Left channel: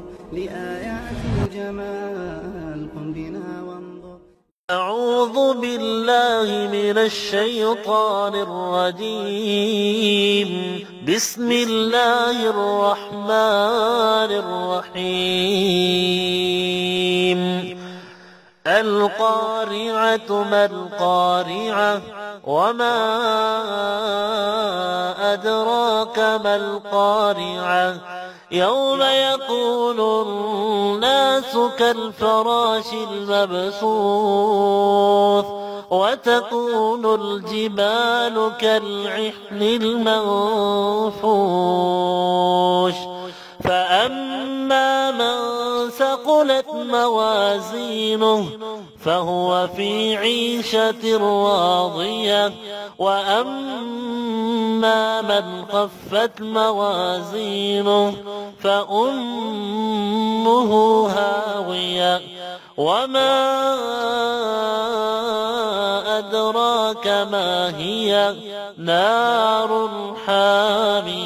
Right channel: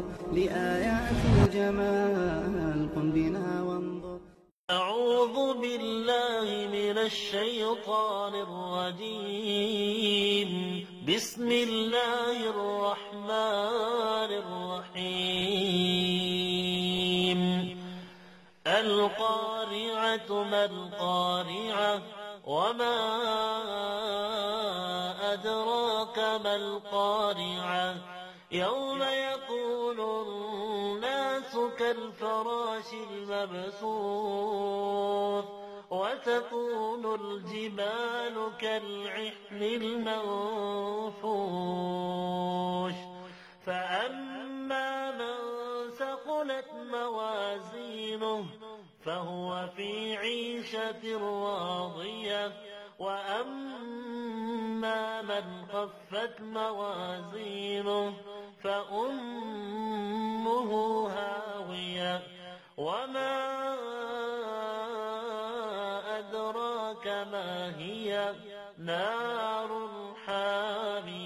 وانظر لآيات الجمال قم بنا وانظر. أعوذ بالله من الشيطان الرجيم. بسم الله الرحمن الرحيم. القارعة ما القارعة وما أدراك ما القارعة يوم يكون الناس كالفراش المبثوث وتكون الجبال كالعهن المنفوش فأما من ثقلت موازينه فهو في عيشة راضية وأما من خفت موازينه فأمه هاوية وما أدراك ما هي نار حامية